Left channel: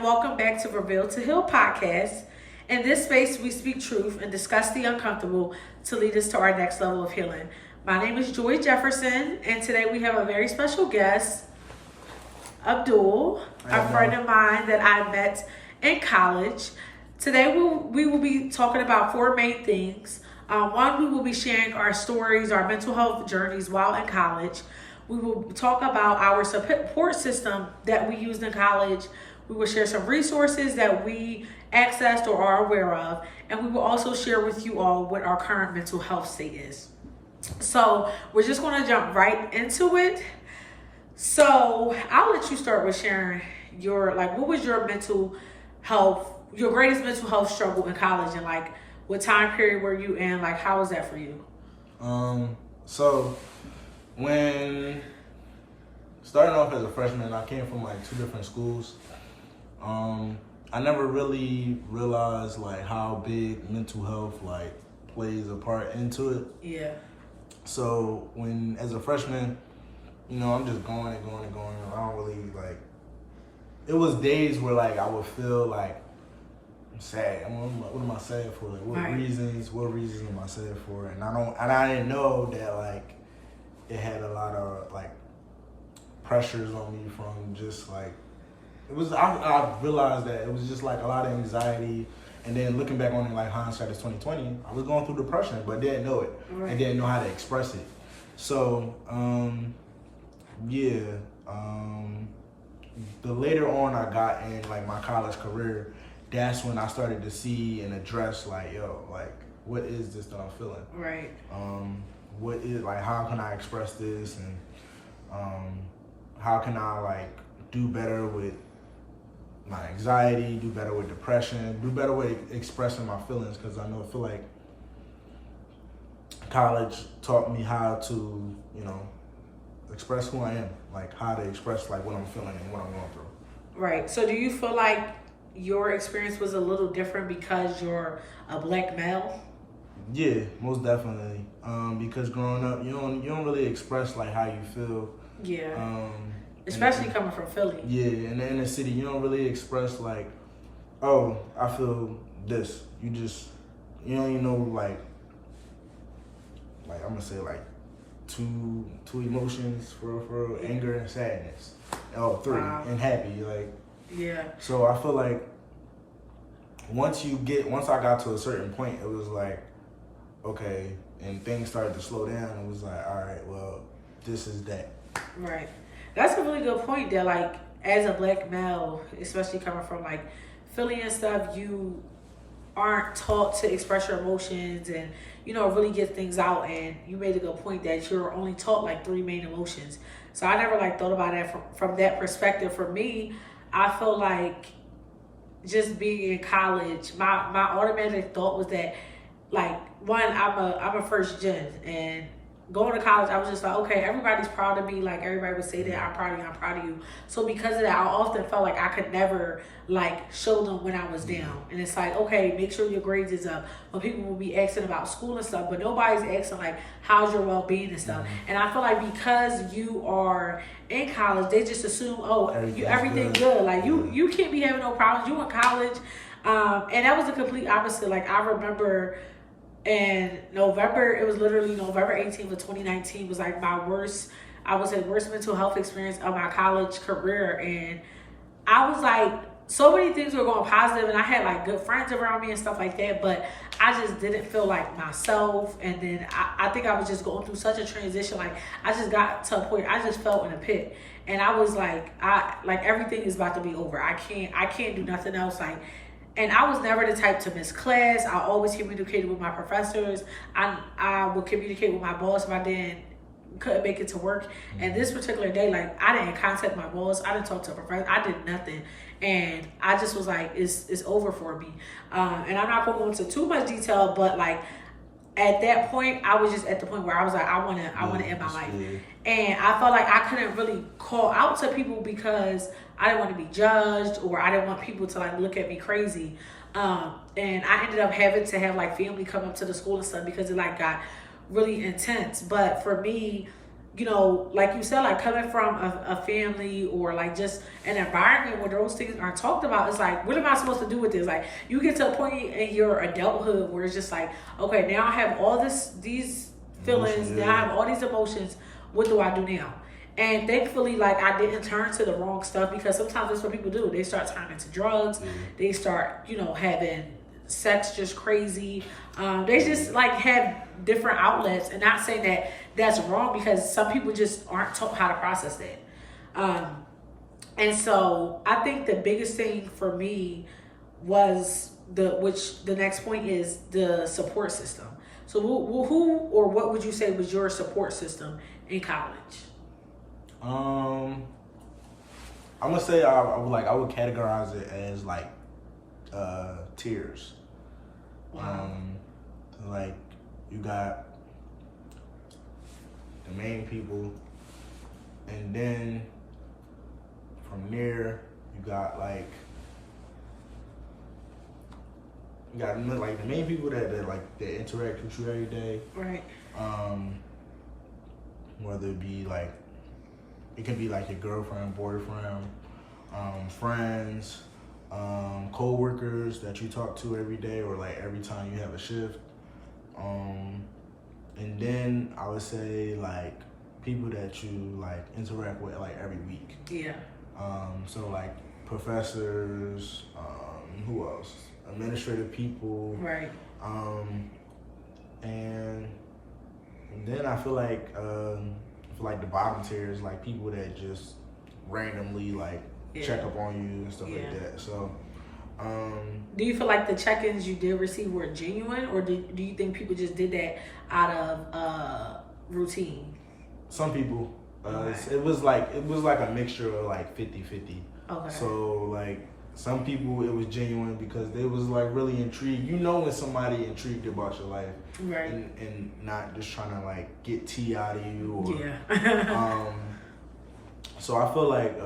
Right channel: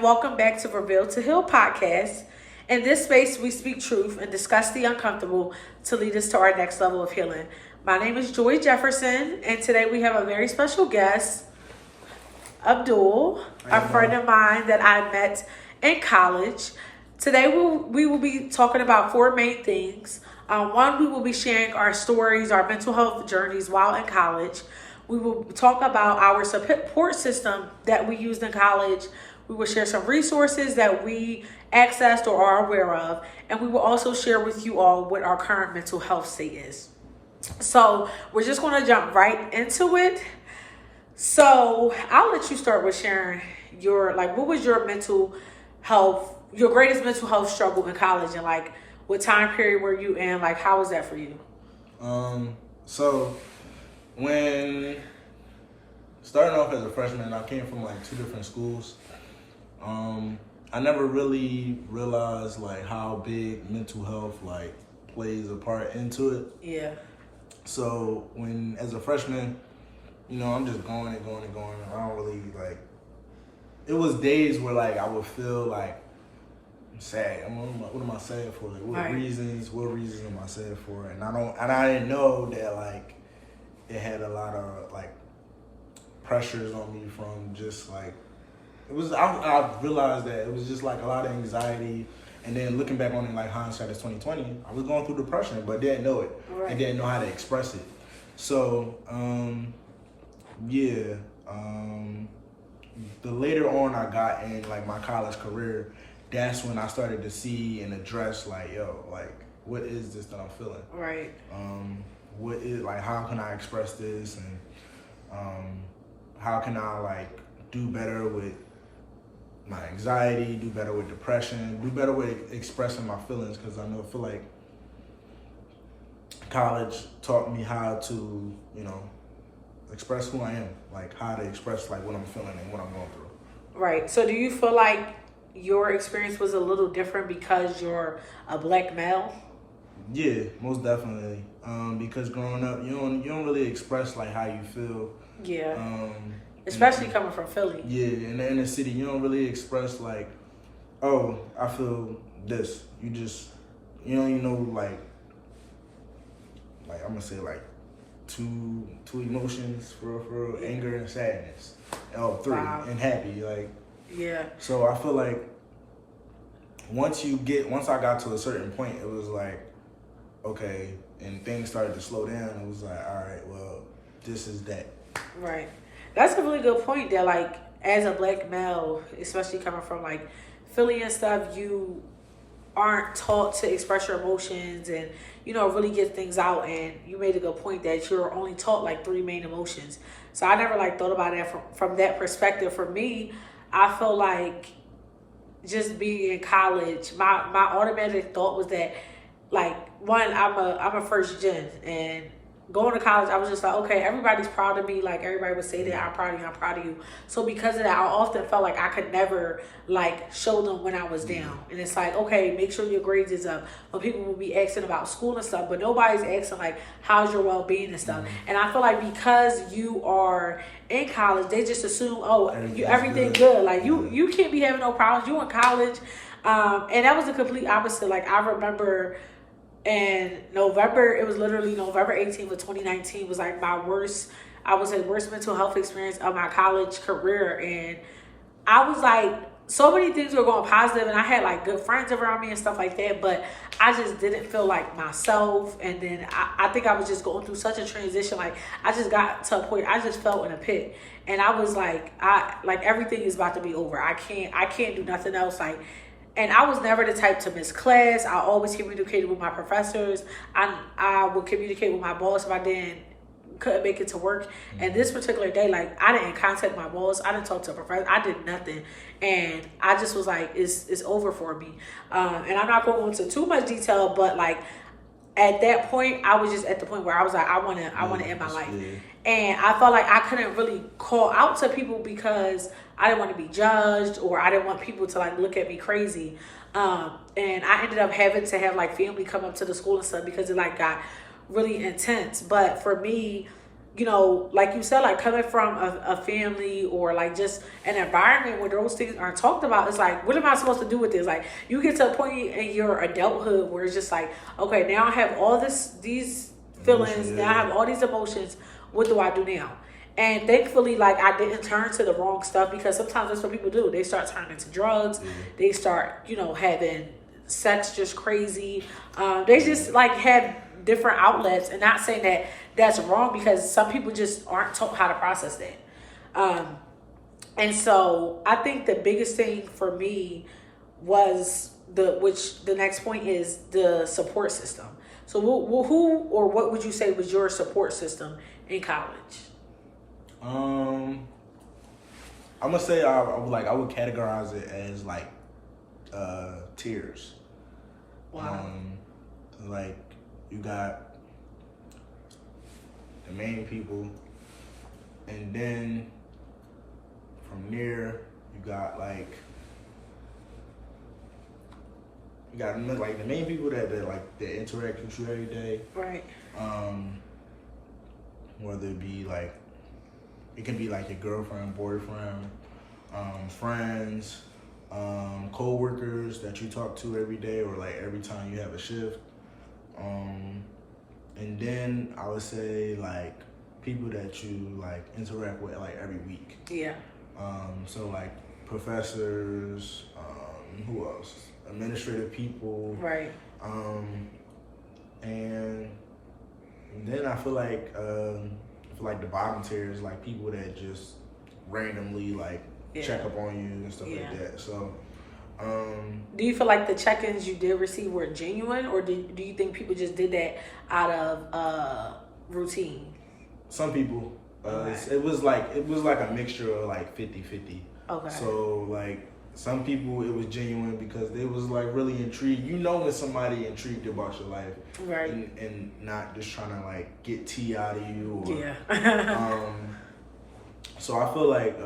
and welcome back to Reveal to Heal podcast. In this space, we speak truth and discuss the uncomfortable to lead us to our next level of healing. My name is Joy Jefferson, and today we have a very special guest, Abdul, a friend of mine that I met in college. Today, we will be talking about four main things. One, we will be sharing our stories, our mental health journeys while in college. We will talk about our support system that we used in college. We will share some resources that we accessed or are aware of. And we will also share with you all what our current mental health state is. So we're just going to jump right into it. So I'll let you start with sharing what was your mental health, your greatest mental health struggle in college, and what time period were you in? How was that for you? So when starting off as a freshman, I came from two different schools. I never really realized how big mental health plays a part into it. Yeah. So when as a freshman, I'm just going and going and going. I don't really it was days where I would feel I'm sad. What am I sad for? What reasons am I sad for? And I didn't know that it had a lot of pressures on me from just it was. I realized that it was just a lot of anxiety, and then looking back on it, hindsight is 2020. I was going through depression, but didn't know it. Right. I didn't know how to express it. So the later on I got in my college career, that's when I started to see and address what is this that I'm feeling? Right. What is how can I express this, and how can I do better with my anxiety, do better with depression, do better with expressing my feelings, because I feel like college taught me how to express who I am, how to express what I'm feeling and what I'm going through. Right. So do you feel like your experience was a little different because you're a black male? Yeah, most definitely. Because growing up, you don't really express how you feel. Yeah. Especially coming from Philly. Yeah, in the inner city, you don't really express oh, I feel this. You just I'm gonna say two emotions for anger and sadness. Oh, three. Wow. And happy. Yeah. So I feel once I got to a certain point, it was okay, and things started to slow down. It was all right, well, this is that. Right. That's a really good point that as a black male, especially coming from Philly and stuff, you aren't taught to express your emotions and really get things out. And you made a good point that you're only taught three main emotions. So I never thought about it from that perspective. For me, I feel just being in college, my automatic thought was that one, I'm a first gen, and going to college, I was just okay, everybody's proud of me. Everybody would say that I'm proud of you. So because of that, I often felt I could never show them when I was down. And it's okay, make sure your grades is up. When people will be asking about school and stuff, but nobody's asking how's your well-being and stuff. And I feel because you are in college, they just assume, everything good. You can't be having no problems. You in college. And that was the complete opposite. I remember in November, it was literally November 18th of 2019 was my worst, I would say worst mental health experience of my college career. And I was so many things were going positive, and I had good friends around me and stuff like that, but I just didn't feel like myself. And then I think I was just going through such a transition. I just got to a point, I just felt in a pit, and I was everything is about to be over. I can't do nothing else. And I was never the type to miss class. I always communicated with my professors. I would communicate with my boss if I couldn't make it to work. And this particular day, I didn't contact my boss. I didn't talk to a professor. I did nothing. And I just was it's over for me. And I'm not going to go into too much detail, but at that point, I was just at the point where I was I want to end my life. Yeah. And I felt I couldn't really call out to people because I didn't want to be judged, or I didn't want people to look at me crazy. And I ended up having to have family come up to the school and stuff because it got really intense. But for me, you know, like you said, like coming from a family or like just an environment where those things aren't talked about, it's like, what am I supposed to do with this? Like, you get to a point in your adulthood where it's just like, okay, now I have all these feelings, now I have all these emotions. What do I do now? And thankfully, like, I didn't turn to the wrong stuff, because sometimes that's what people do. They start turning to drugs. They start, you know, having sex just crazy. They just like have different outlets, and not saying that that's wrong, because some people just aren't taught how to process that. And so I think the biggest thing for me was the next point is the support system. So who or what would you say was your support system in college? I'm gonna say I would categorize it as like tiers. Wow. Like, you got the main people, and then from there you got like the main people that interact with you every day. Right. Whether it be like, it can be like your girlfriend, boyfriend, friends, co-workers that you talk to every day or like every time you have a shift. And then I would say like people that you like interact with like every week. Yeah. So like professors, who else? Administrative people. Right. And then I feel like the bottom tier is like people that just randomly like check up on you and stuff like that. So do you feel like the check-ins you did receive were genuine, or do you think people just did that out of routine? Some people. It was like a mixture of like 50-50. Okay. So like some people it was genuine because they was like really intrigued. You know when somebody intrigued about your life, right? And not just trying to like get tea out of you. Or, so I feel like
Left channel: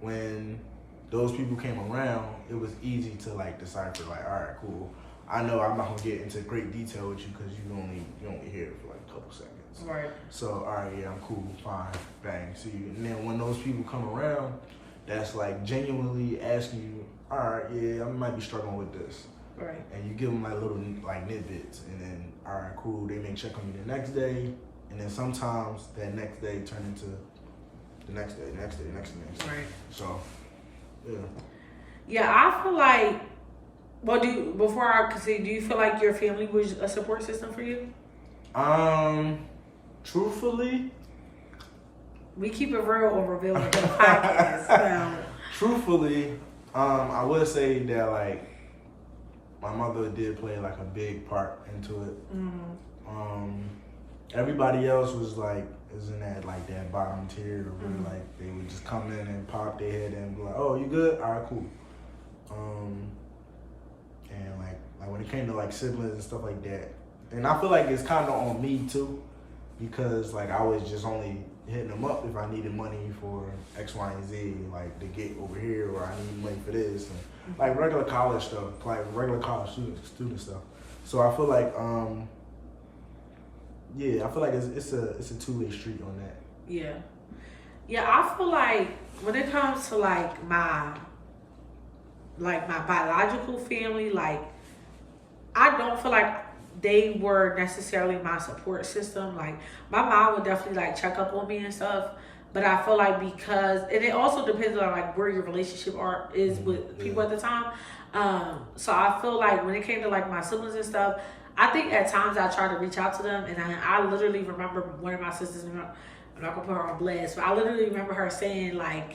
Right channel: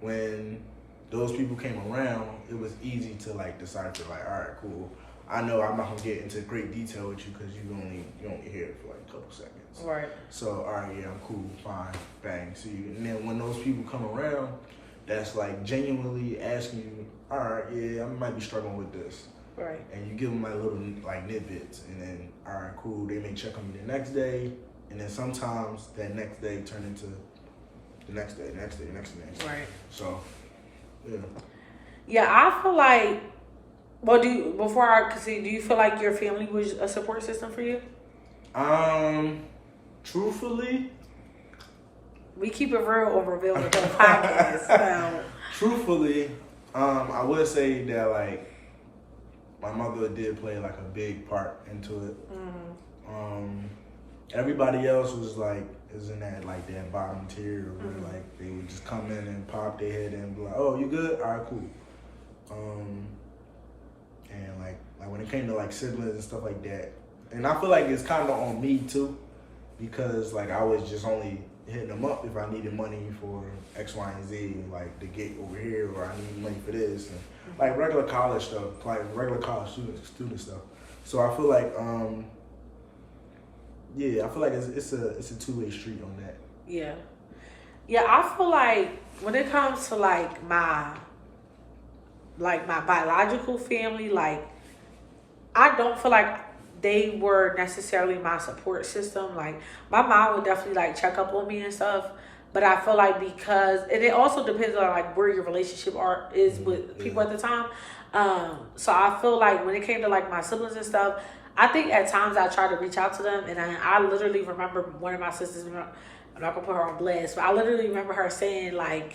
when those people came around, it was easy to like decipher like, all right, cool. I know I'm not gonna get into great detail with you because you only hear it for like a couple seconds. Right. So all right, yeah, I'm cool, fine, bang, see you. And then when those people come around, that's like genuinely asking you, all right, yeah, I might be struggling with this. Right. And you give them like little like tidbits, and then all right, cool. They may check on you the next day, and then sometimes that next day turn into the next day. Right. So, yeah. Yeah, I feel like. Well, before I proceed, do you feel like your family was a support system for you? Truthfully, we keep it real on Reveal the Hill podcast. So. Truthfully, I would say that like my mother did play like a big part into it. Mm-hmm. Everybody else was like is in that like that bottom tier, where like they would just come in and pop their head in and be like, "Oh, you good? All right, cool." And like when it came to like siblings and stuff like that, and I feel like it's kind of on me too, because like I was just only hitting them up if I needed money for X, Y, and Z, like to get over here, or I need money for this, and like regular college stuff, like regular college student stuff. So I feel like, I feel like it's a two-way street on that. Yeah, I feel like when it comes to like my biological family, like I don't feel like they were necessarily my support system. Like my mom would definitely like check up on me and stuff, but I feel like because, and it also depends on like where your relationship is with people at the time. So I feel like when it came to like my siblings and stuff, I think at times I tried to reach out to them, and I literally remember one of my sisters, I'm not gonna put her on blast, but I literally remember her saying like,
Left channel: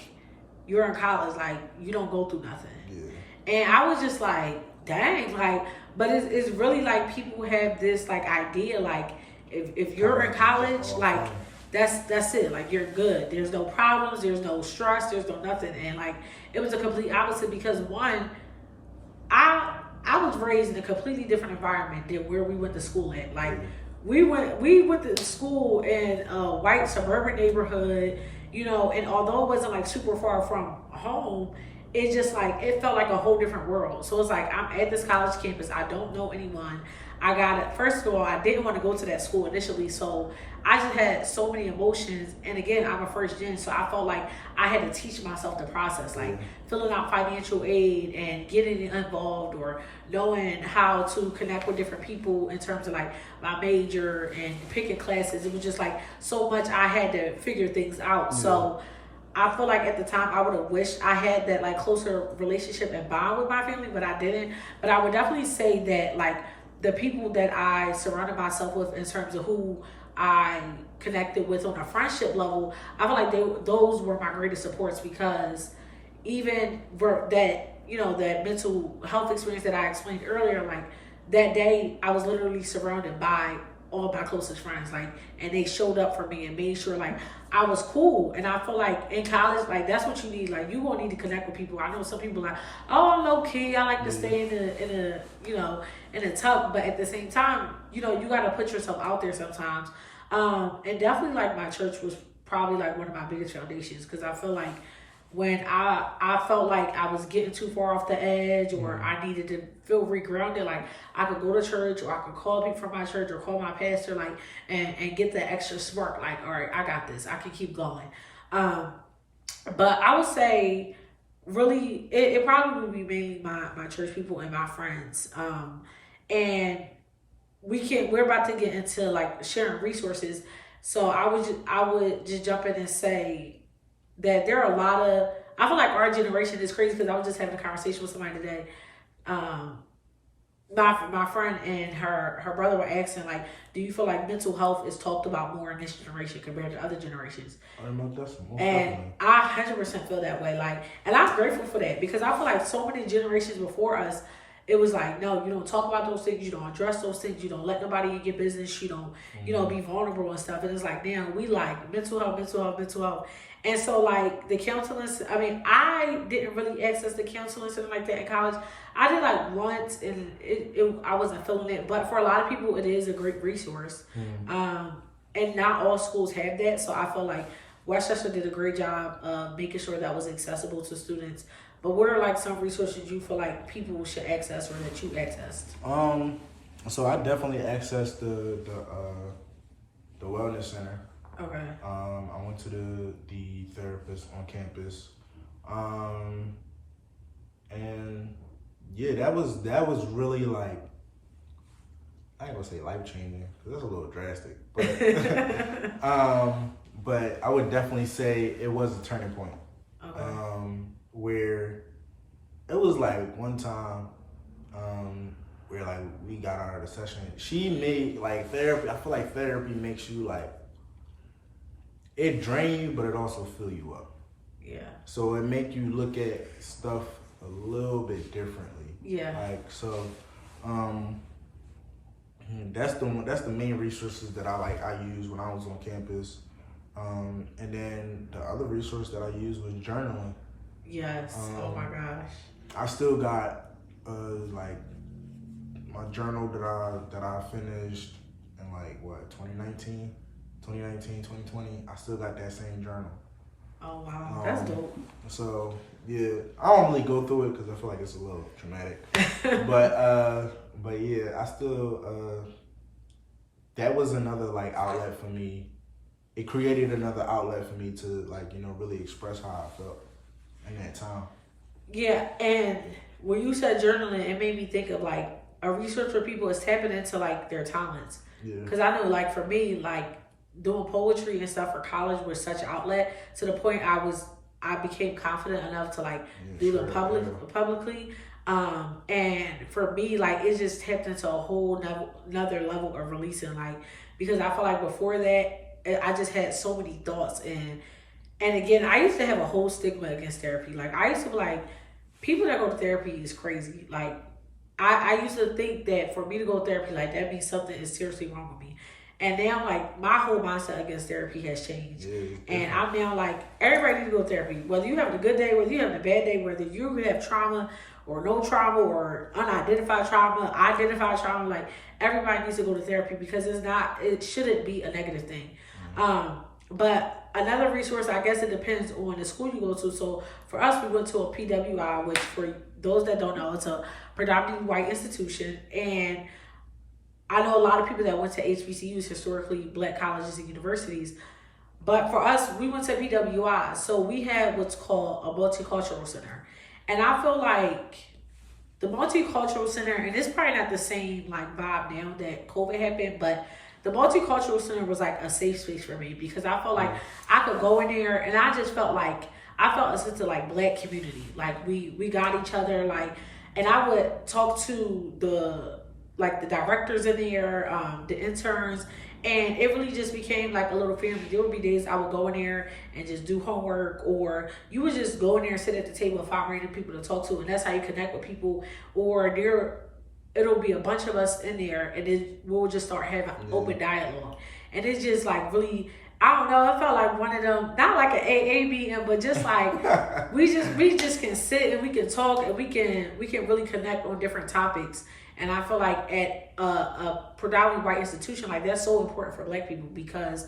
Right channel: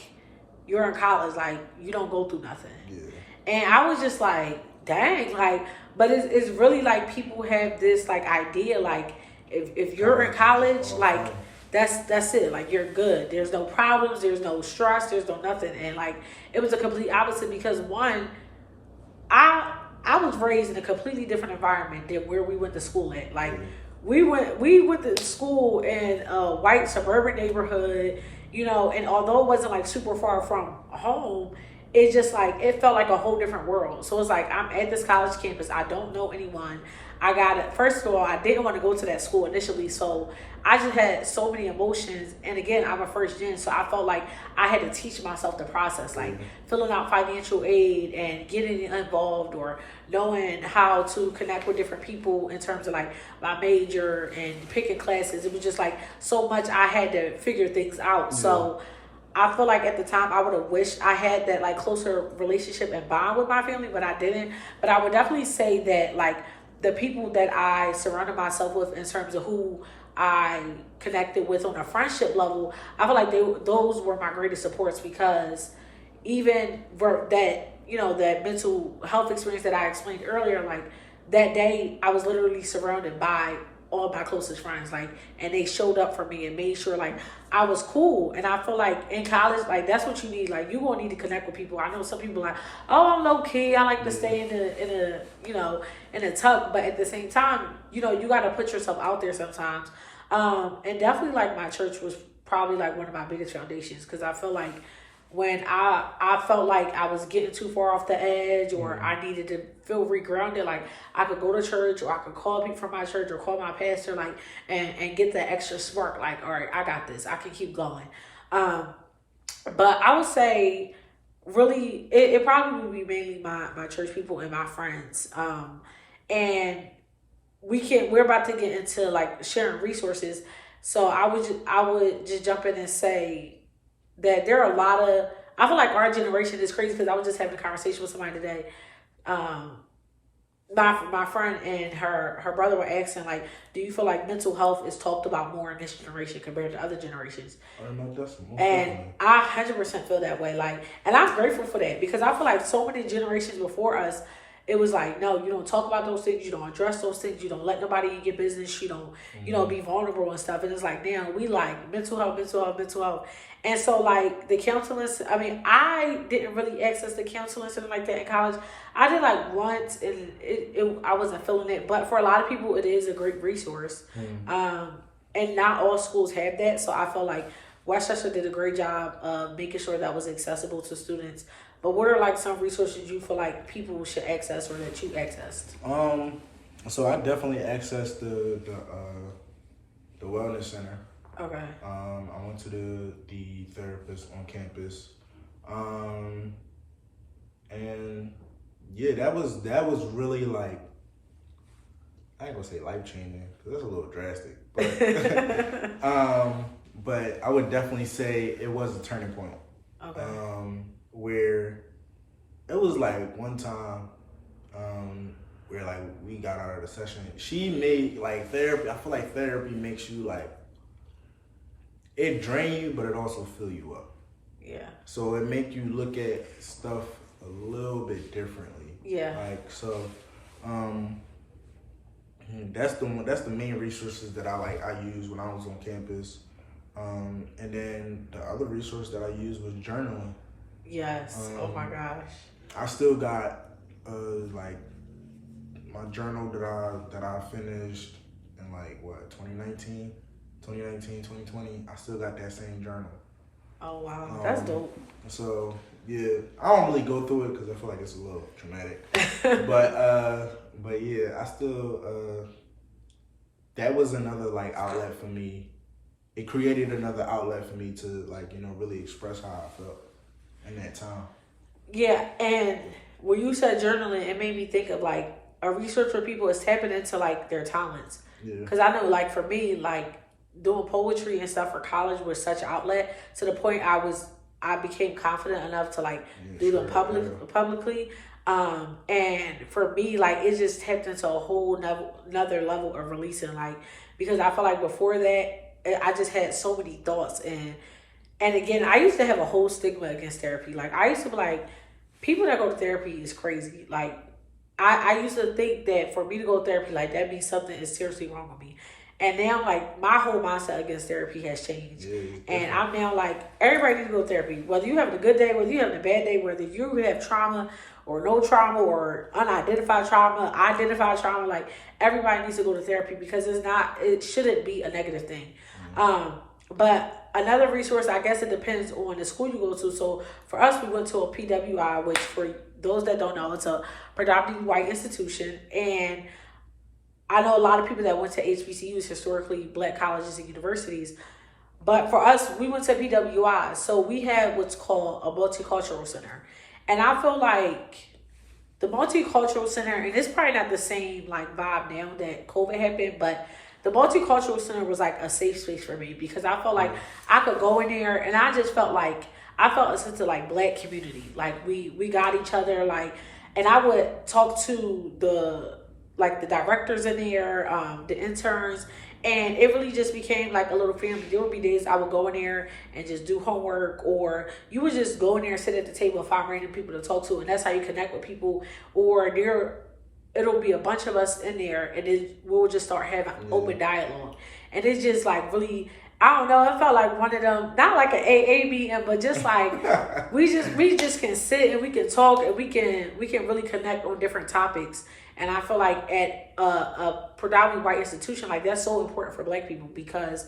"You're in college, like you don't go through nothing." Yeah. And I was just like, dang, like, but it's really like people have this like idea, like if you're in college, like that's it, like you're good. There's no problems, there's no stress, there's no nothing. And like it was a complete opposite, because one, I was raised in a completely different environment than where we went to school at. Like we went to school in a white suburban neighborhood, you know, and although it wasn't like super far from home, it's just like it felt like a whole different world. So it's like I'm at this college campus. I don't know anyone. I got it. First of all, I didn't want to go to that school initially, so I just had so many emotions. And again, I'm a first gen, so I felt like I had to teach myself the process, like filling out financial aid and getting involved, or knowing how to connect with different people in terms of like my major and picking classes. It was just like so much I had to figure things out. So I feel like at the time I would have wished I had that like closer relationship and bond with my family, but I didn't. But I would definitely say that like the people that I surrounded myself with in terms of who I connected with on a friendship level, I feel like those were my greatest supports, because even that, you know, that mental health experience that I explained earlier, like that day I was literally surrounded by all my closest friends, like, and they showed up for me and made sure like I was cool. And I feel like in college, like that's what you need. Like you gonna need to connect with people. I know some people like, oh, I'm low key. I like to stay in a tuck, but at the same time, you know, you got to put yourself out there sometimes. And definitely like my church was probably like one of my biggest foundations, because I feel like when I felt like I was getting too far off the edge, or I needed to feel regrounded, like I could go to church, or I could call people from my church, or call my pastor, like, and get that extra spark, like, all right, I got this, I can keep going. But I would say really, it probably would be mainly my church people and my friends. And we're about to get into like sharing resources. So I would just jump in and say that there are a lot of, I feel like our generation is crazy, because I was just having a conversation with somebody today. My friend and her brother were asking, like, do you feel like mental health is talked about more in this generation compared to other generations? And I 100% feel that way. Like, and I'm grateful for that, because I feel like so many generations before us, it was like, no, you don't talk about those things, you don't address those things, you don't let nobody in your business, you don't, you know, be vulnerable and stuff. And it's like, now we like mental health. And so like the counseling, I mean, I didn't really access the counseling center like that in college. I did like once, and I wasn't feeling it, but for a lot of people, it is a great resource. And not all schools have that. So I feel like Westchester did a great job of making sure that was accessible to students. But what are like some resources you feel like people should access, or that you accessed? So I definitely accessed the wellness center. Okay. I went to the therapist on campus. And yeah, that was really like, I ain't gonna say life changing, because that's a little drastic. But but I would definitely say it was a turning point. Okay. Where it was like one time, where like we got out of the session. She made like therapy. I feel like therapy makes you like, it drain you, but it also fill you up. Yeah. So it make you look at stuff a little bit differently. Yeah. Like so, that's the main resources that I used when I was on campus. And then the other resource that I used was journaling. Yes. Oh my gosh. I still got like my journal that I finished in like what 2019, 2020. I still got that same journal. Oh wow, that's dope. So yeah, I don't really go through it because I feel like it's a little traumatic. but yeah, I still that was another like outlet for me. It created another outlet for me to like, you know, really express how I felt in that time. Yeah, and when you said journaling, it made me think of like a research for people is tapping into like their talents. Yeah. Because I know like for me, like doing poetry and stuff for college was such an outlet to the point I became confident enough to like do them publicly. And for me, like it just tapped into a whole another level of releasing, like, because I feel like before that I just had so many thoughts, and again, I used to have a whole stigma against therapy. Like I used to be like, people that go to therapy is crazy. Like I used to think that for me to go to therapy, like that means something is seriously wrong with me. And now like my whole mindset against therapy has changed. And I'm now like, everybody needs to go to therapy. Whether you're having a good day, whether you're having a bad day, whether you have trauma or no trauma or unidentified trauma, identified trauma, like everybody needs to go to therapy, because it shouldn't be a negative thing. But another resource, I guess it depends on the school you go to. So for us, we went to a PWI, which for those that don't know, it's a predominantly white institution. And I know a lot of people that went to HBCUs, historically black colleges and universities. But for us, we went to PWI. So we had what's called a multicultural center. And I feel like the multicultural center, and it's probably not the same like vibe now that COVID happened, but the multicultural center was like a safe space for me because I felt like I could go in there and I just felt like I felt a sense of like black community. Like we got each other, like, and I would talk to the directors in there, the interns, and it really just became like a little family. There would be days I would go in there and just do homework, or you would just go in there and sit at the table and find random people to talk to, and that's how you connect with people. Or it'll be a bunch of us in there, and we'll just start having open dialogue. And it's just like really, I don't know, it felt like one of them, not like an AA meeting, but just like we just can sit and we can talk and we can really connect on different topics. And I feel like at a predominantly white institution, like that's so important for black people because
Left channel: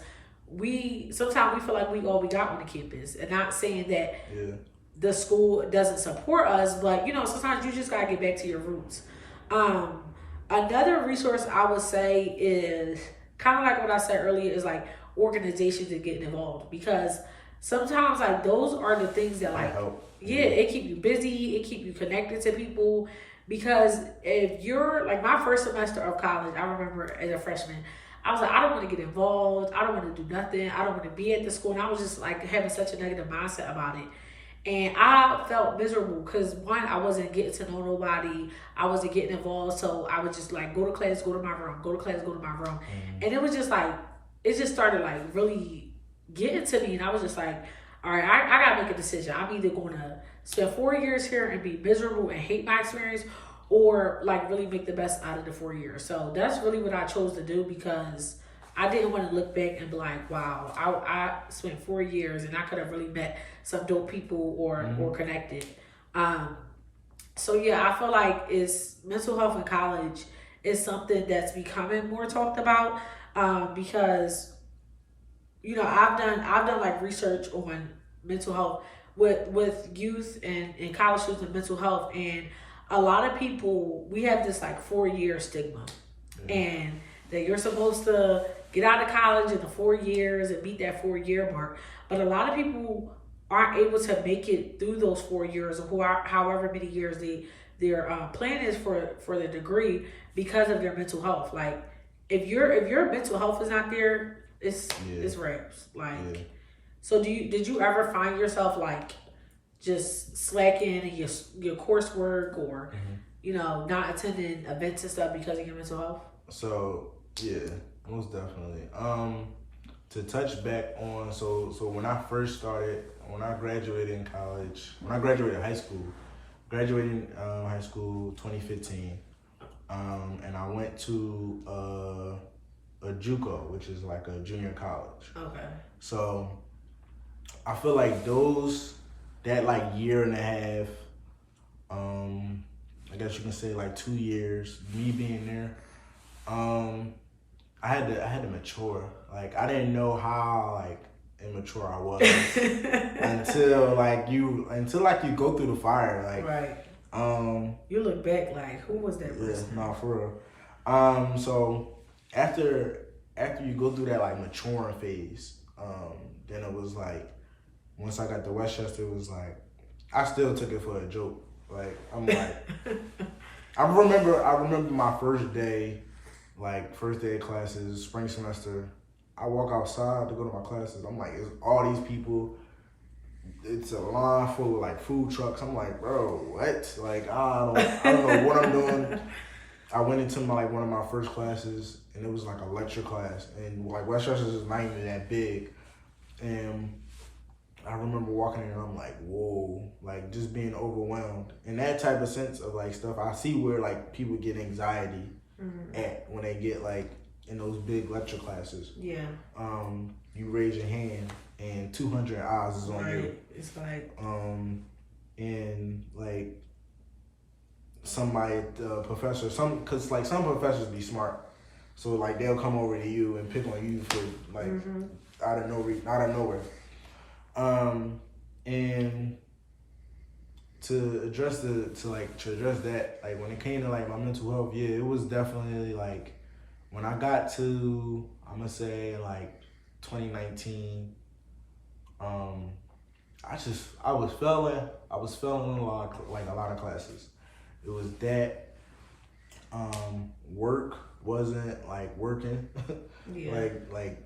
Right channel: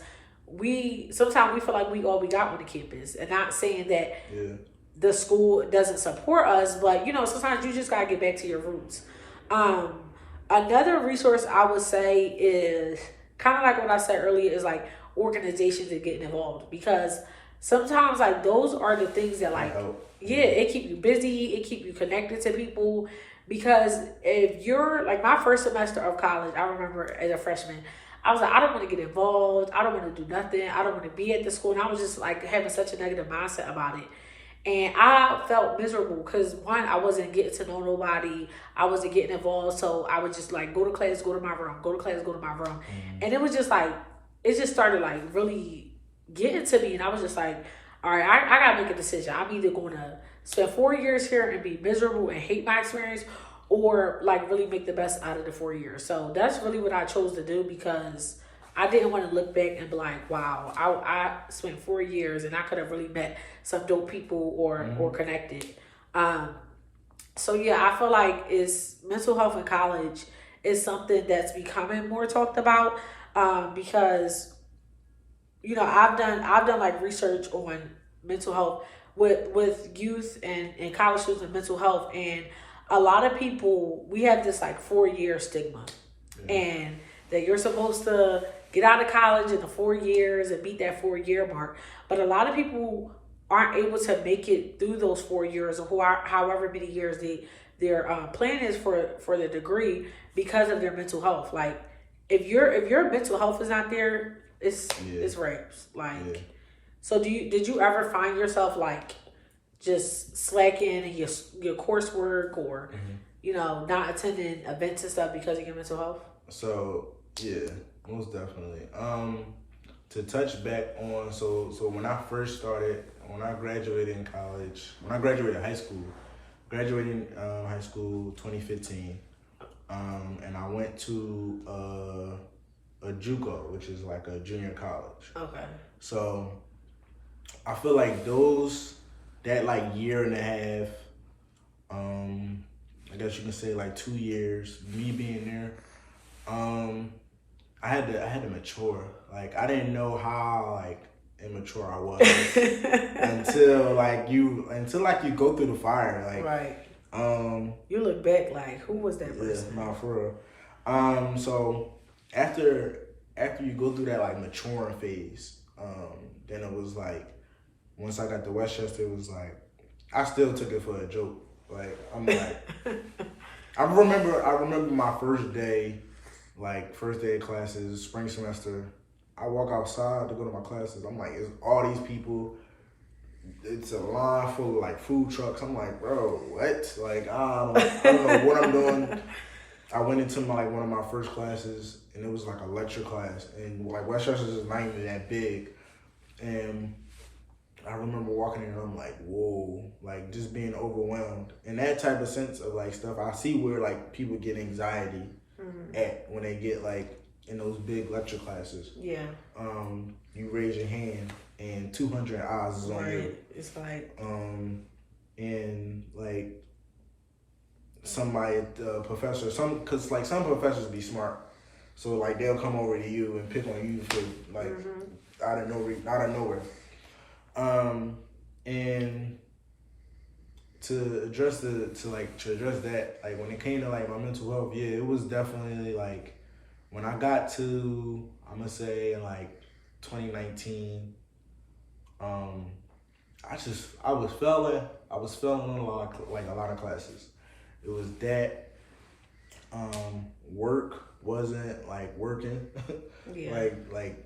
sometimes we feel like we all we got on the campus. And not saying that the school doesn't support us, but you know, sometimes you just gotta get back to your roots. Another resource I would say is kind of like what I said earlier is like organizations that getting involved, because sometimes like those are the things that like, it keep you busy, it keep you connected to people. Because if you're like my first semester of college, I remember as a freshman, I was like, I don't want to get involved. I don't want to do nothing. I don't want to be at the school. And I was just like having such a negative mindset about it. And I felt miserable because one, I wasn't getting to know nobody. I wasn't getting involved. So I would just like go to class, go to my room, go to class, go to my room. And it was just like, it just started like really getting to me. And I was just like, all right, I got to make a decision. I'm either going to spend 4 years here and be miserable and hate my experience, or like really make the best out of the 4 years. So that's really what I chose to do because I didn't want to look back and be like, wow, I spent 4 years and I could have really met some dope people or connected. So yeah, I feel like it's mental health in college is something that's becoming more talked about because you know I've done like research on mental health with youth and college students and mental health, and a lot of people, we have this like 4-year stigma and that you're supposed to get out of college in the 4 years and meet that 4-year mark. But a lot of people aren't able to make it through those 4 years or however many years their plan is for the degree because of their mental health. Like if your mental health is not there, it's raps. Like so did you ever find yourself like just slacking in your coursework or you know not attending events and stuff because of your mental health? So yeah, most definitely. To touch back on so when I first started, when I graduated in college, when I graduated high school, graduating high school 2015, and I went to a JUCO, which is like a junior college. Okay. So I feel like that like year and a half, I guess you can say like 2 years, me being there, I had to mature. Like I didn't know how like immature I was until you go through the fire. Like right. You look back like who was that person? Yeah, no, for real. So after you go through that like maturing phase, then it was like once I got to Westchester, it was like I still took it for a joke. Like I'm like I remember my first day of classes, spring semester. I walk outside to go to my classes. I'm like, it's all these people. It's a line full of like food trucks. I'm like, bro, what? Like I don't know what I'm doing. I went into one of my first classes, and it was like a lecture class, and like Westchester is not even that big, and I remember walking in and I'm like, whoa, like just being overwhelmed. And that type of sense of like stuff, I see where like people get anxiety at when they get like in those big lecture classes. Yeah. You raise your hand and 200 eyes is on you. It's like. And like somebody, professor, because like some professors be smart. So like they'll come over to you and pick on you for like out of nowhere. And to address that, like when it came to like my mental health, yeah, it was definitely like when I got to, I'm gonna say like 2019, I was failing on a lot of classes. It was that work wasn't like working. Yeah. like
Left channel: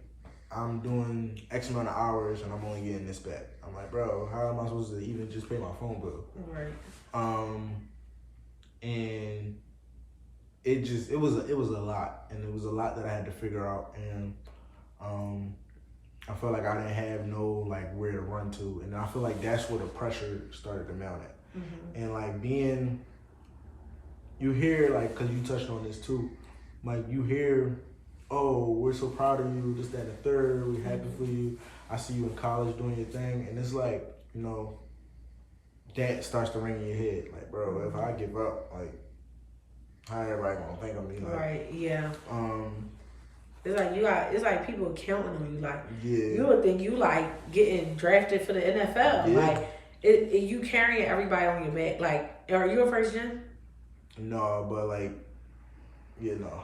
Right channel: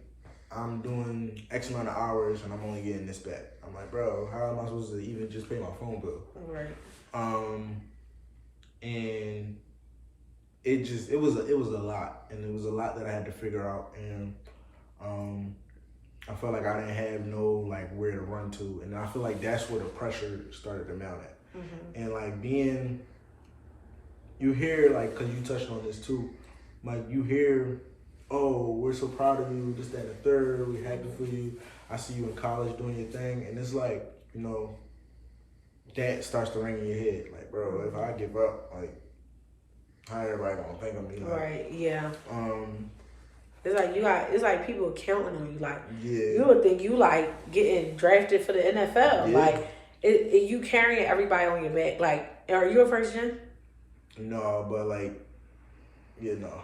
I'm doing X amount of hours and I'm only getting this back. I'm like, bro, how am I supposed to even just pay my phone bill? Right. And it was a lot, and it was a lot that I had to figure out, and I felt like I didn't have no like where to run to, and I feel like that's where the pressure started to mount at. And like you hear like, cause you touched on this too, like you hear, oh, we're so proud of you, this, that, and the third, we're happy for you. I see you in college doing your thing, and it's like, you know, that starts to ring in your head, like, bro, if I give up, like, how everybody gonna think of me? Like, right. Yeah. It's like people counting on you. Like, yeah, you would think you like getting drafted for the NFL. Yeah. Like, you carrying everybody on your back. Like, are you a first gen? No, but like, yeah, no.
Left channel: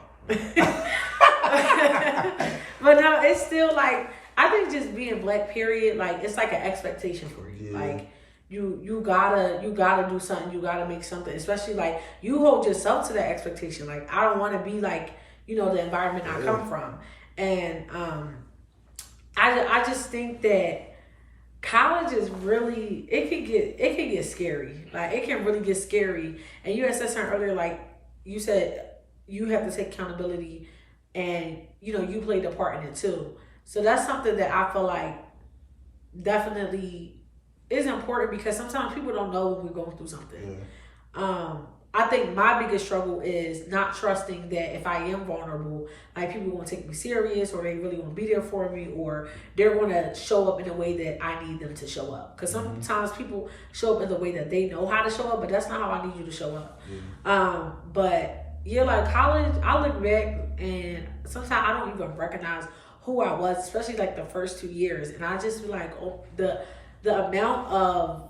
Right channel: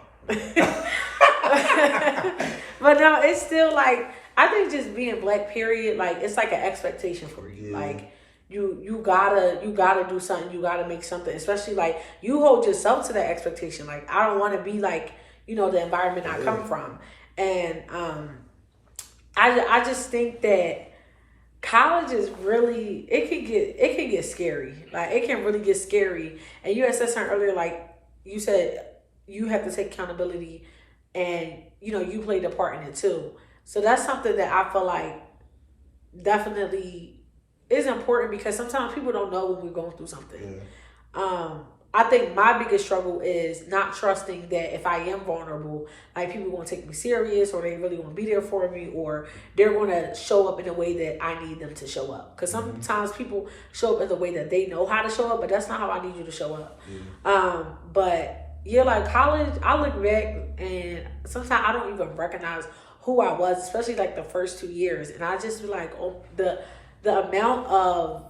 But no, it's still like, I think just being black, period, like it's like an expectation for you. Yeah. Like you gotta do something, you gotta make something, especially like you hold yourself to that expectation. Like, I don't want to be like, you know, the environment I come from. And I just think that college is really, it can get scary. Like, it can really get scary. And you had said something earlier, like you said you have to take accountability, and you know, you played a part in it too. So that's something that I feel like definitely is important, because sometimes people don't know when we're going through something. I think my biggest struggle is not trusting that if I am vulnerable, like people are going to take me serious, or they really want to be there for me, or they're going to show up in a way that I need them to show up. Because sometimes people show up in the way that they know how to show up, but that's not how I need you to show up. But yeah, like college, I look back and sometimes I don't even recognize who I was, especially like the first 2 years. And I just feel like, oh, the amount of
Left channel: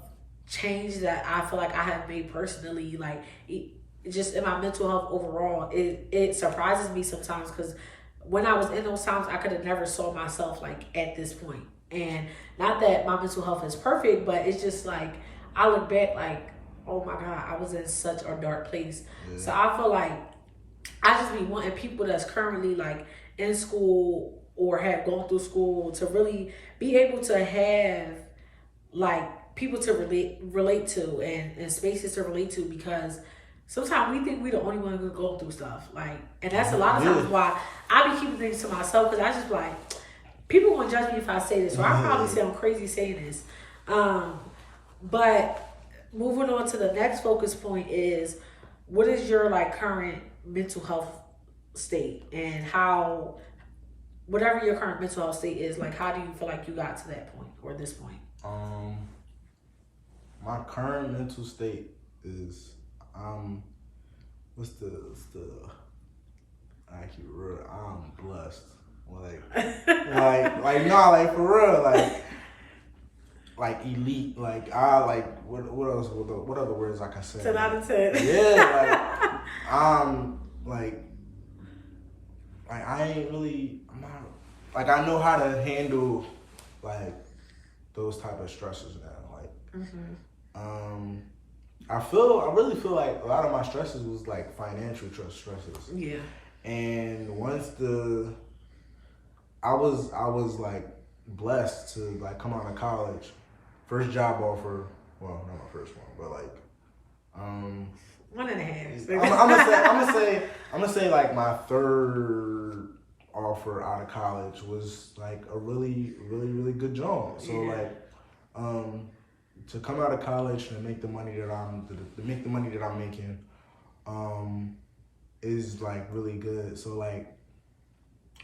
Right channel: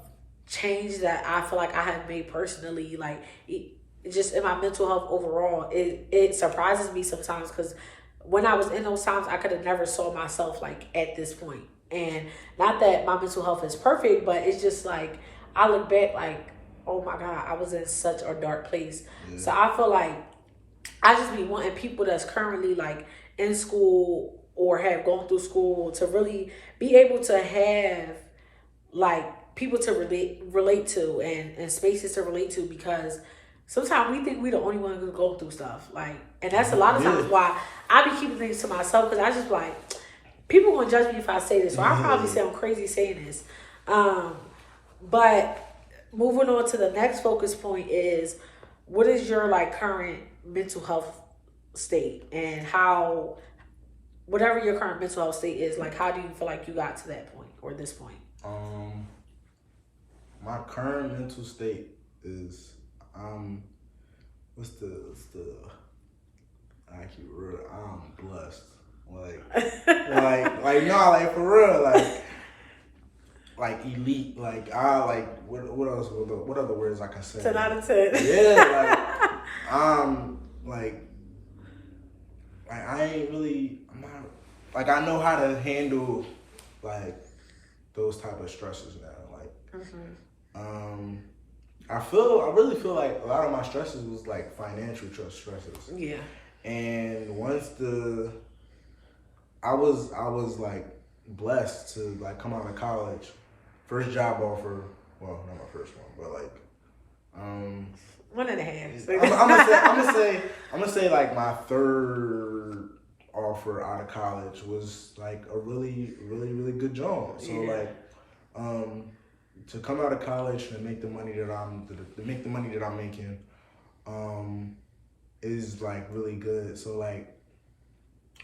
change that I feel like I have made personally, like just in my mental health overall, it surprises me sometimes, because when I was in those times, I could have never saw myself like at this point. And not that my mental health is perfect, but it's just like I look back like, oh my God, I was in such a dark place. So I feel like I just be wanting people that's currently like in school or have gone through school to really be able to have like people to relate to, and spaces to relate to, because sometimes we think we the only one who's going through stuff. Like, and that's a lot of times why I be keeping things to myself, because I just like, people gonna judge me if I say this, or I probably sound crazy saying this. But moving on to the next focus point is, what is your like current mental health state, and how, whatever your current mental health state is, like how do you feel like you got to that point or this point? My current mental state is what's the actually real, I'm blessed. Like for real, like elite, like I like what else, what other words I can say? 10 out of 10. Yeah, like I ain't really, I'm not, like I know how to handle like those type of stresses now. Like I really feel like a lot of my stresses was like financial stresses. Yeah. And once I was like blessed to like come out of college, first job offer, well, not my first one, but like 1.5. I'm gonna say like my third offer out of college was like a really, really, really good job. So like to come out of college and make the money that I'm making is like really good. So like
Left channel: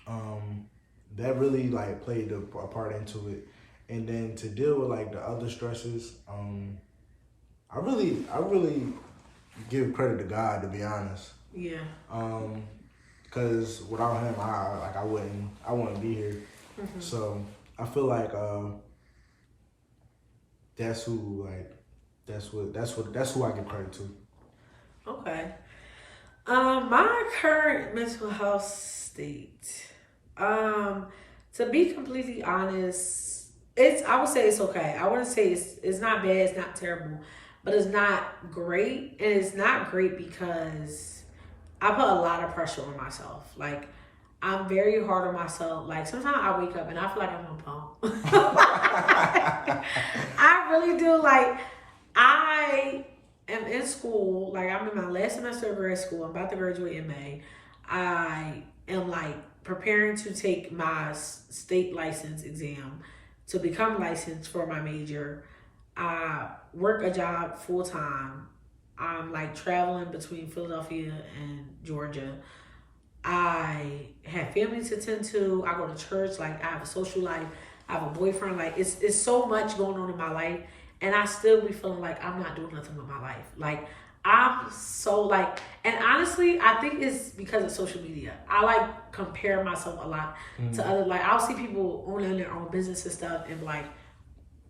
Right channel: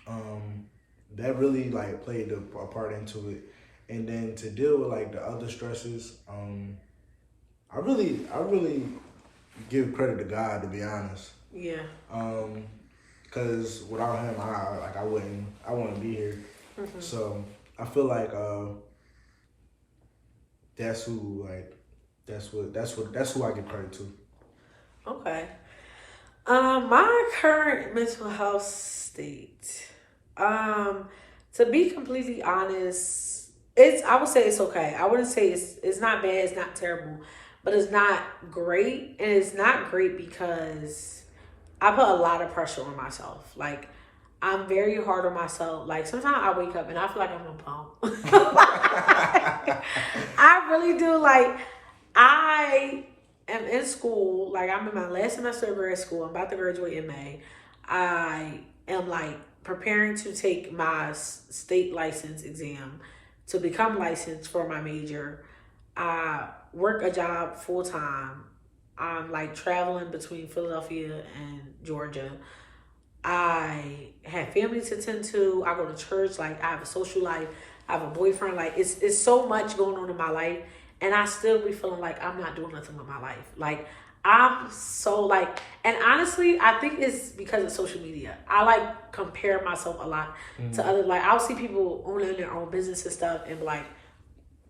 that really like played a part into it. And then to deal with like the other stresses, I really give credit to God, to be honest. Yeah. because without him, I wouldn't be here. Mm-hmm. So I feel like that's who that's who I give credit to. Okay. My current mental health state. To be completely honest, I would say it's okay. I wouldn't say it's not bad, it's not terrible, but it's not great. And it's not great because I put a lot of pressure on myself. Like, I'm very hard on myself. Like, sometimes I wake up and I feel like I'm a pump. I really do. Like, I am in school. Like, I'm in my last semester of grad school. I'm about to graduate in May. I am, like, preparing to take my state license exam to become licensed for my major. I work a job full time. I'm, like, traveling between Philadelphia and Georgia. I have family to tend to. I go to church. Like, I have a social life. I have a boyfriend. Like, it's so much going on in my life, and I still be feeling like I'm not doing nothing with my life. Like, I'm so, like, and honestly, I think it's because of social media. I, like, compare myself a lot to other, like, I'll see people owning their own business and stuff and be like,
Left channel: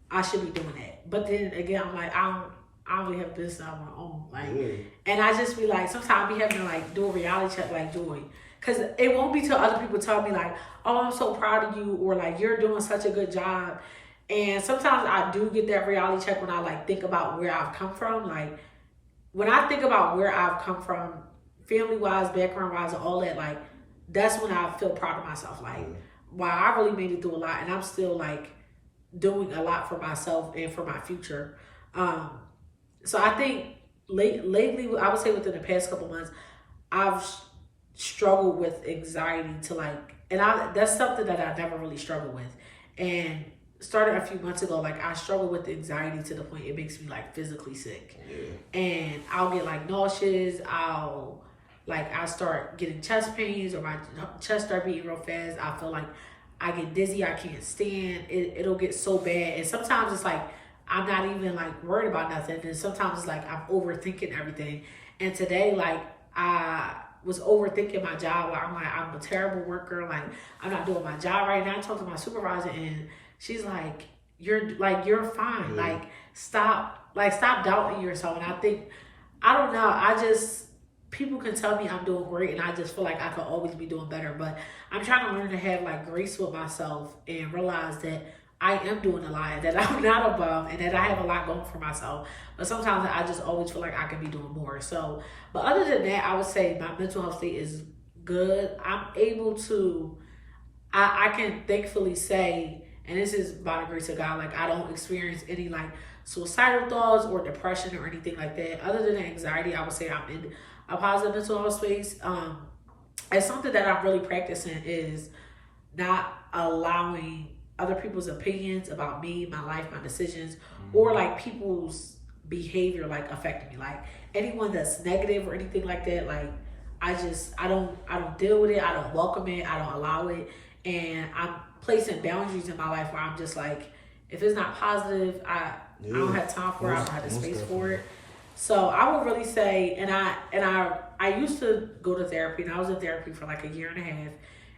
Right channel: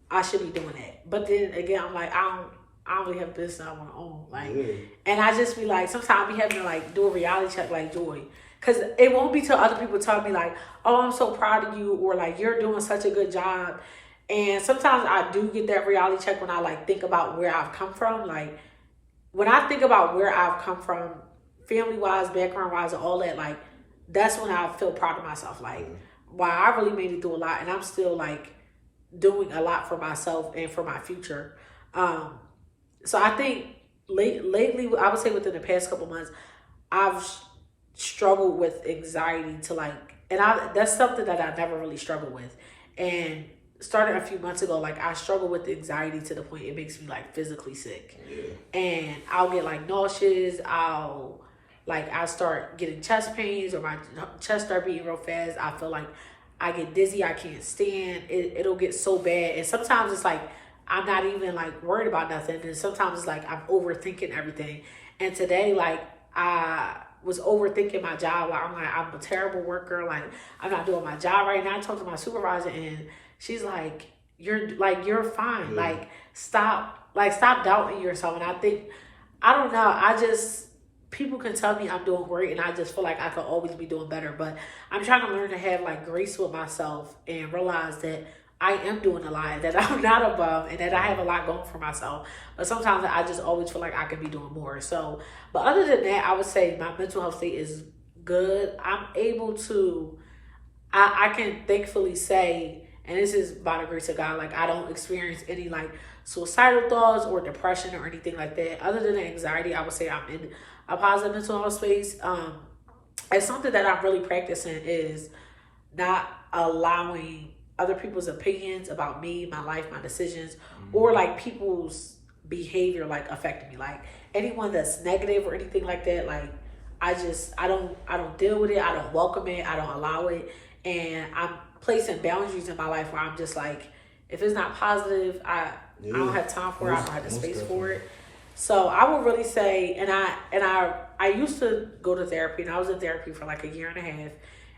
I should be doing that. But then again, I'm like, I don't really have a business I want to own. Like, and I just be like, sometimes I be having to, like, do a reality check, like, Joy. Because it won't be till other people tell me, like, oh, I'm so proud of you, or, like, you're doing such a good job. And sometimes I do get that reality check when I, like, think about where I've come from. Like, when I think about where I've come from, family-wise, background-wise, and all that, like, that's when I feel proud of myself. Like, wow, I really made it through a lot, and I'm still, like, doing a lot for myself and for my future. So I think lately, I would say within the past couple months, I've struggled with anxiety to, like, and that's something that I never really struggled with. And started a few months ago, like, I struggle with anxiety to the point it makes me, like, physically sick. And I'll get, like, nauseous. I start getting chest pains, or my chest start beating real fast. I feel like I get dizzy. I can't stand. It'll get so bad. And sometimes it's like I'm not even, like, worried about nothing. And sometimes it's like I'm overthinking everything. And today, like, I was overthinking my job. Like, I'm a terrible worker. Like, I'm not doing my job right now. I talked to my supervisor, and she's like, you're fine. Like, stop doubting yourself. And I think, I don't know, people can tell me I'm doing great, and I just feel like I could always be doing better. But I'm trying to learn to have, like, grace with myself and realize that I am doing a lot, that I'm not above, and that I have a lot going for myself. But sometimes I just always feel like I could be doing more. So, but other than that, I would say my mental health state is good. I'm able to, I can thankfully say, and this is by the grace of God, like, I don't experience any, like, suicidal thoughts or depression or anything like that. Other than the anxiety, I would say I'm in a positive mental health space. And something that I'm really practicing is not allowing other people's opinions about me, my life, my decisions, or, like, people's behavior, like, affecting me. Like, anyone that's negative or anything like that, like, I don't deal with it. I don't welcome it. I don't allow it. And I'm placing boundaries in my life where I'm just like, if it's not positive, I don't have time for it. I don't have the space for it. So I would really say, and I used to go to therapy, and I was in therapy for like a year and a half.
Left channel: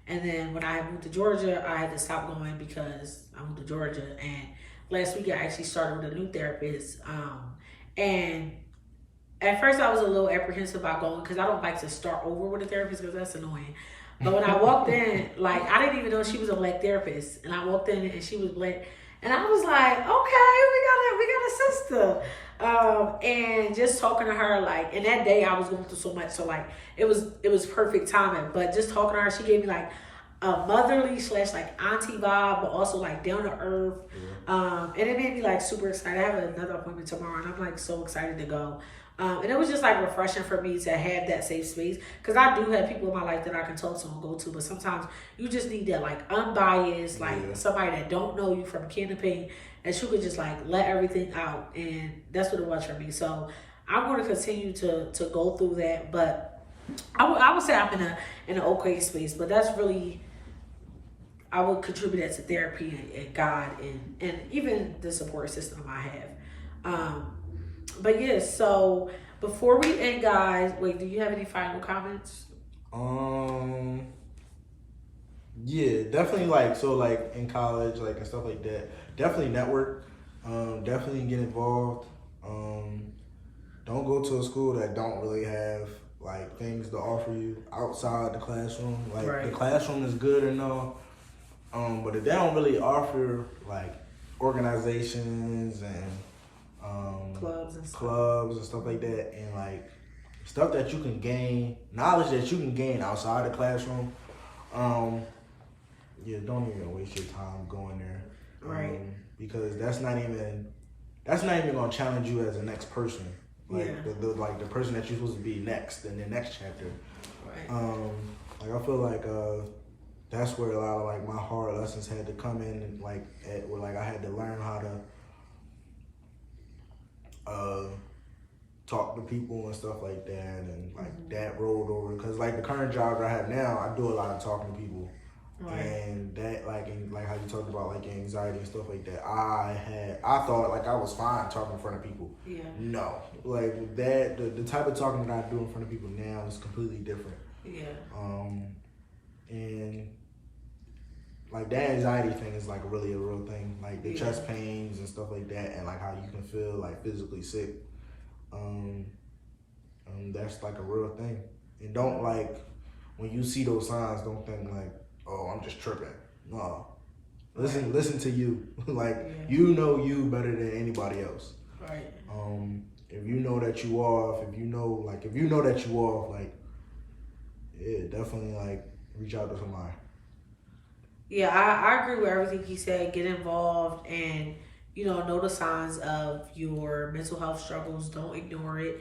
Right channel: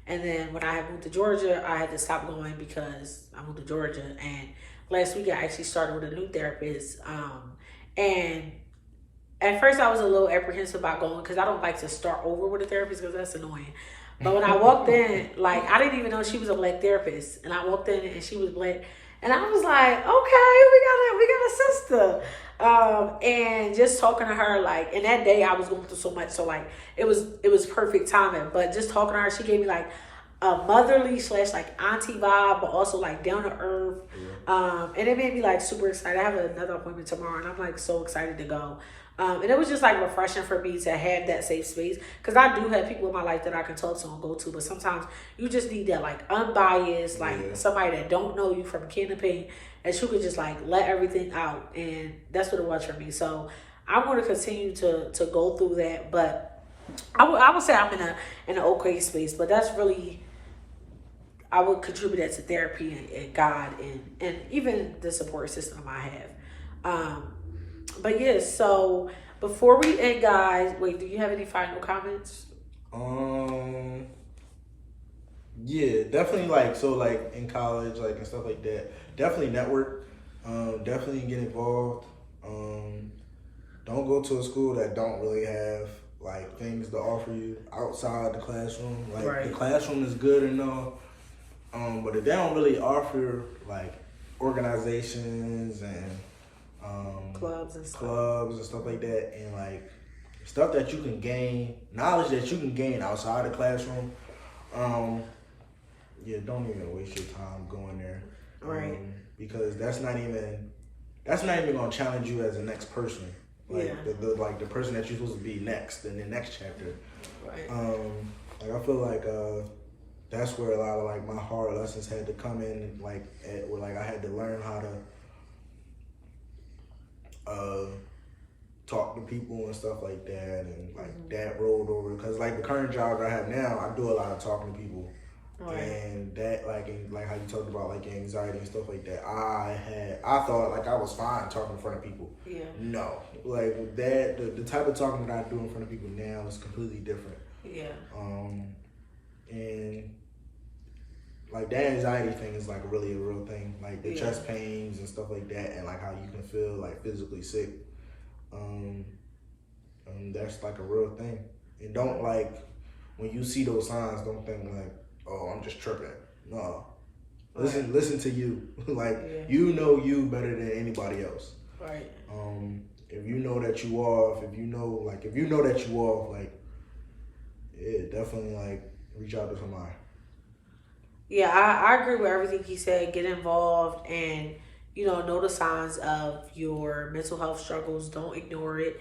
And then when I had moved to Georgia, I had to stop going because I moved to Georgia. And last week I actually started with a new therapist. And at first I was a little apprehensive about going because I don't like to start over with a therapist because that's annoying. But when I walked in, like, I didn't even know she was a Black therapist. And I walked in and she was Black. And I was like, okay, we got a sister. And just talking to her, like, and that day I was going through so much. So, like, it was perfect timing. But just talking to her, she gave me, like, a motherly / like auntie vibe, but also, like, down to earth. And it made me, like, super excited. I have another appointment tomorrow, and I'm, like, so excited to go. And it was just, like, refreshing for me to have that safe space. Because I do have people in my life that I can talk to and go to. But sometimes you just need that, like, unbiased, like, somebody that don't know you from can to pay. And you could just, like, let everything out. And that's what it was for me. So I'm going to continue to go through that. But I would say I'm in an okay space. But that's really, I would contribute that to therapy and God and even the support system I have. But yeah, so before we end, guys, wait, do you have any final comments? Yeah, definitely like so like in college like and stuff like that. Definitely network. Definitely get involved. Don't go to a school that don't really have like things to offer you outside the classroom. Like Right. the classroom is good and all, but if they don't really offer like organizations and Clubs and stuff like that, and like stuff that you can gain, knowledge that you can gain outside the classroom. Yeah, don't even waste your time going there, Right. Because that's not even gonna challenge you as the next person. Like Yeah. the person that you're supposed to be next in the next chapter. Right. Like I feel like that's where a lot of like my hard lessons had to come in, like where like I had to learn how to talk to people and stuff like that, and like that rolled over because like the current job that I have now, I do a lot of talking to people. Right. And that like how you talked about like anxiety and stuff like that, I thought like I was fine talking in front of people. Yeah. No, like that the type of talking that I do in front of people now is completely different. Yeah. And like that anxiety thing is like really a real thing, like the Yeah. chest pains and stuff like that, and like how you can feel like physically sick. That's like a real thing. And don't like when you see those signs, don't think like, oh, I'm just tripping. No. Listen to you. Like you know you better than anybody else. Right. If you know that you off, if you know that you off, like yeah, definitely like reach out to somebody. Yeah, I agree with everything he said. Get involved and, know the signs of your mental health struggles. Don't ignore it.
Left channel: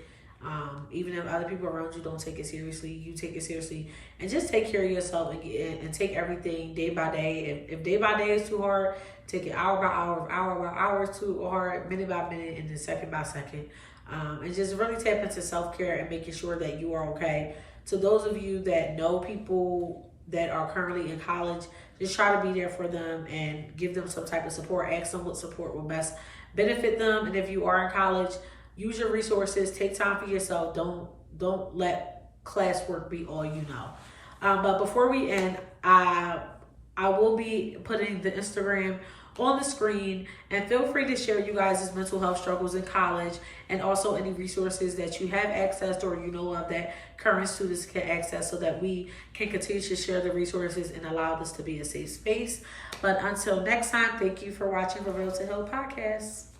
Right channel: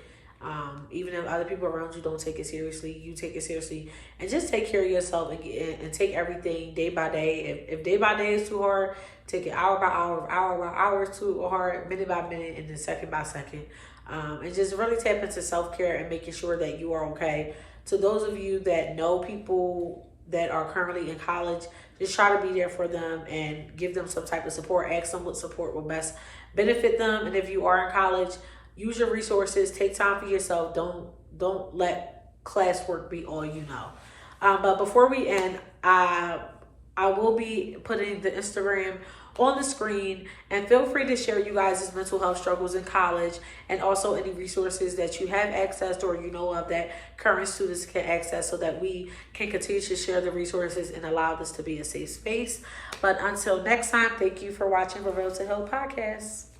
Even if other people around you don't take it seriously, you take it seriously. And just take care of yourself and take everything day by day. If day by day is too hard, take it hour by hour. If hour by hour is too hard, minute by minute, and then second by second. And just really tap into self-care and making sure that you are okay. To those of you that know people that are currently in college, just try to be there for them and give them some type of support. Ask them what support will best benefit them. And if you are in college, use your resources. Take time for yourself. Don't let classwork be all you know. But before we end, I will be putting the Instagram on the screen, and feel free to share you guys' mental health struggles in college and also any resources that you have accessed or you know of that current students can access, so that we can continue to share the resources and allow this to be a safe space. But until next time, thank you for watching Reveal to Heal podcast.